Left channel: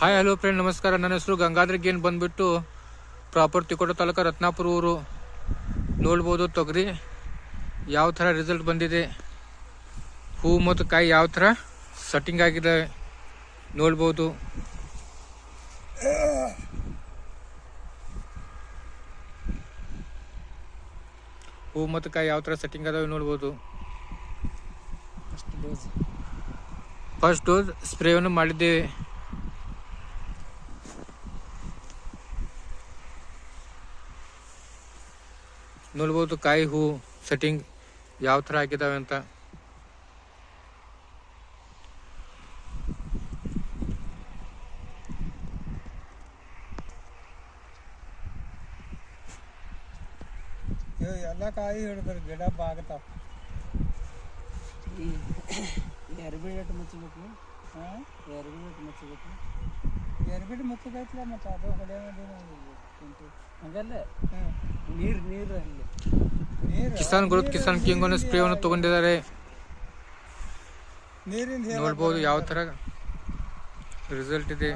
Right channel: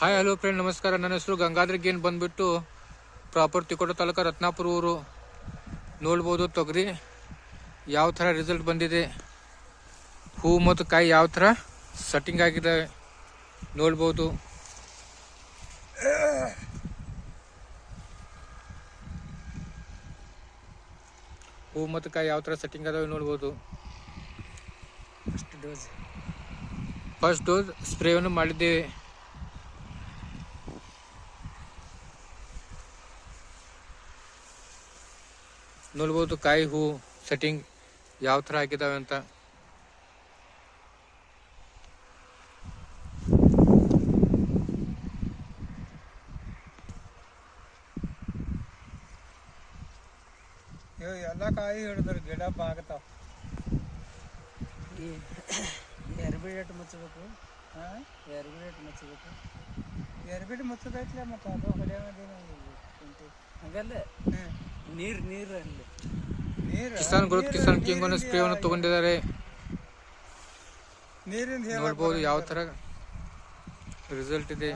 Hi hello friend ನಮಸ್ಕಾರ. ನನ್ನ ಹೆಸರು ಗಂಗಾಧರ್ ಗೇನ್ ಬಂದ್ಬಿಟ್ಟು ಪ್ರಾಪರ್ ತಿಕೋಟ ತಾಲೂಕು ರತ್ನಾಪುರ ಊರು. ನೋಡ್ಬೋದು ತೊಗರಿ ಯಾವ ಥರ ರಿಸಲ್ಟ್ ಬಂದಿದೆ, ಹೂ ಮತ್ತು ಕಾಯಿ ಯಾವ ಥರ ಸೆಟ್ಟಿಂಗ್ ಆಗಿದೆ ನೋಡ್ಬೋದು. ಹೂ ಮತ್ತು ಕಾಯಿ ಯಾವ ಥರ ಸೆಟ್ಟಿಂಗ್ ಅದಾವೆ ನೋಡ್ಬೋದು. ಫಸ್ಟ್ ಡೋಸ್ ಸ್ಪ್ರೇವನ್ನು ಮಾಡಿದ್ದೇವೆ. ನೋಡ್ಬೋದು ಕಾಯಿ ಹೂ ಸೆಟ್ಟಿಂಗ್ ಯಾವ ಥರ ಆಗಿದ್ದಾವೆ ಅಂತ. ಎಲ್ಲ ಕಾಯಿ ಹಿಡಿದ್ರೆ ಗಿಡ ಬಾಗ್ತಾವ. ಎರ್ಬಿಡೇಟ್ ಮುಚ್ಚಬೇಕು. ಎರ್ಬಿಡೇಟ್ ಮುಚ್ಚಬೇಕು. ಎರ್ಬಿಡ್ ಮುಚ್ಚದೈತ್ಲ ಮತ್ತು ಅದು ಹೊಡೆಯೋದೇನು ಹಂಗಲ್ಲ, ನೀರು ನೀರು ಅಲ್ಲಿ ನೀರು ಕಿಸಾನ್ ಗ್ರೋತ್ ಕಿಸಾನ್ ಕಿಂಗ್ ಅನ್ನೋ ಸ್ಪ್ರೇವನ್ನು ತಗೊಂಡಿದ್ದಾರೆ. ನೀರಿಂದ ನೋಡ್ಬೋದು ಯಾವ ಥರ ರಿಸಲ್ಟ್ ಇದೆ,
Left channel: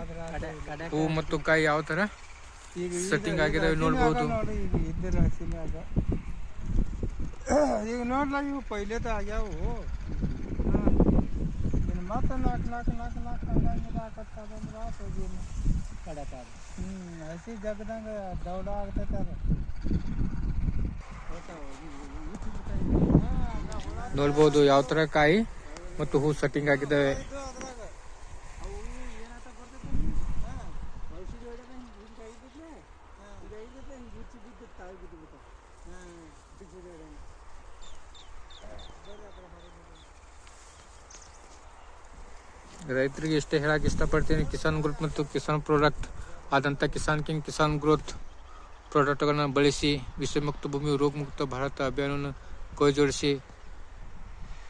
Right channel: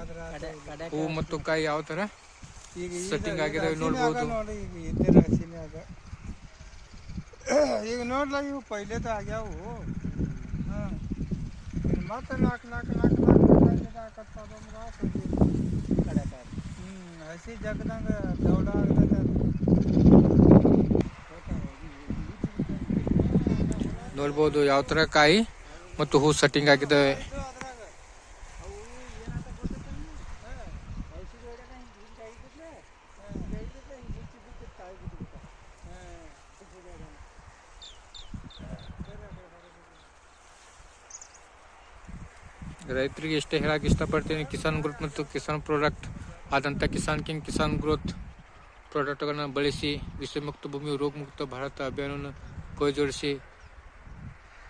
ಹೂ ಮತ್ತು ಕಾಯಿ ಯಾವ ಥರ ಸೆಟ್ಟಿಂಗ್ ಆಗಿದಾವೆ ನೋಡ್ಬೋದು. ಈಗ ನೋಡ್ಲ ಇವು ಪೈಲೇದ ಆಗ್ಯಾವು. ಮತ್ತೆ ನಾಲ್ಕು ಹಸಿ ಜಗದಂಗ ದೌಡ ಆಗ್ತೈತೆ ಅದು. ನೋಡ್ಬೋದು ಯಾವ ಥರ ಕಾಯಿ ಮತ್ತು ಹೂ ಸೆಟ್ಟಿಂಗ್ ಆಗಿದ್ದಾವೆ. ರೈತರಿಗೆ ಇಷ್ಟೇ ಹೇಳಕ್ಕೆ ಇಷ್ಟಪಡ್ತೀನಿ, ಕಿಸಾನ್ ಗ್ರೋತ್ ಮತ್ತು ಕಿಸಾನ್ ಪ್ರಾಡಕ್ಟ್ ಆದಂಥ ಕಿಸಾನ್ ಕಿಂಗ್ ಕಿಸಾನ್ ಗ್ರೋತ್ ಪ್ರಾಡಕ್ಟ್ಗಳನ್ನು ಬಳಸಿ ವಿಷಮುಕ್ತ ಭೂಮಿ ರೋಗ ಮುಕ್ತ ಭಾರತ ಅಭಿಯಾನವನ್ನು ಕೈ ಜೋಡಿಸಿ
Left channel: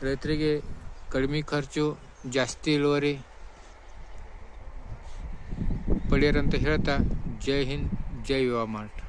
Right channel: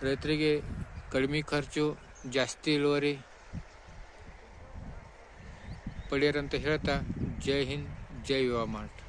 ರೈತರಿಗೆ ಕಡಿಮೆ ಖರ್ಚು ಜಾಸ್ತಿ ಇಳುವರಿ ಪಡೆಯರಂತ ಹೇಳ್ತಾ ಜೈ ಹಿಂದ್ ಜೈ ಯುವ ಮಾರ್ಟ್.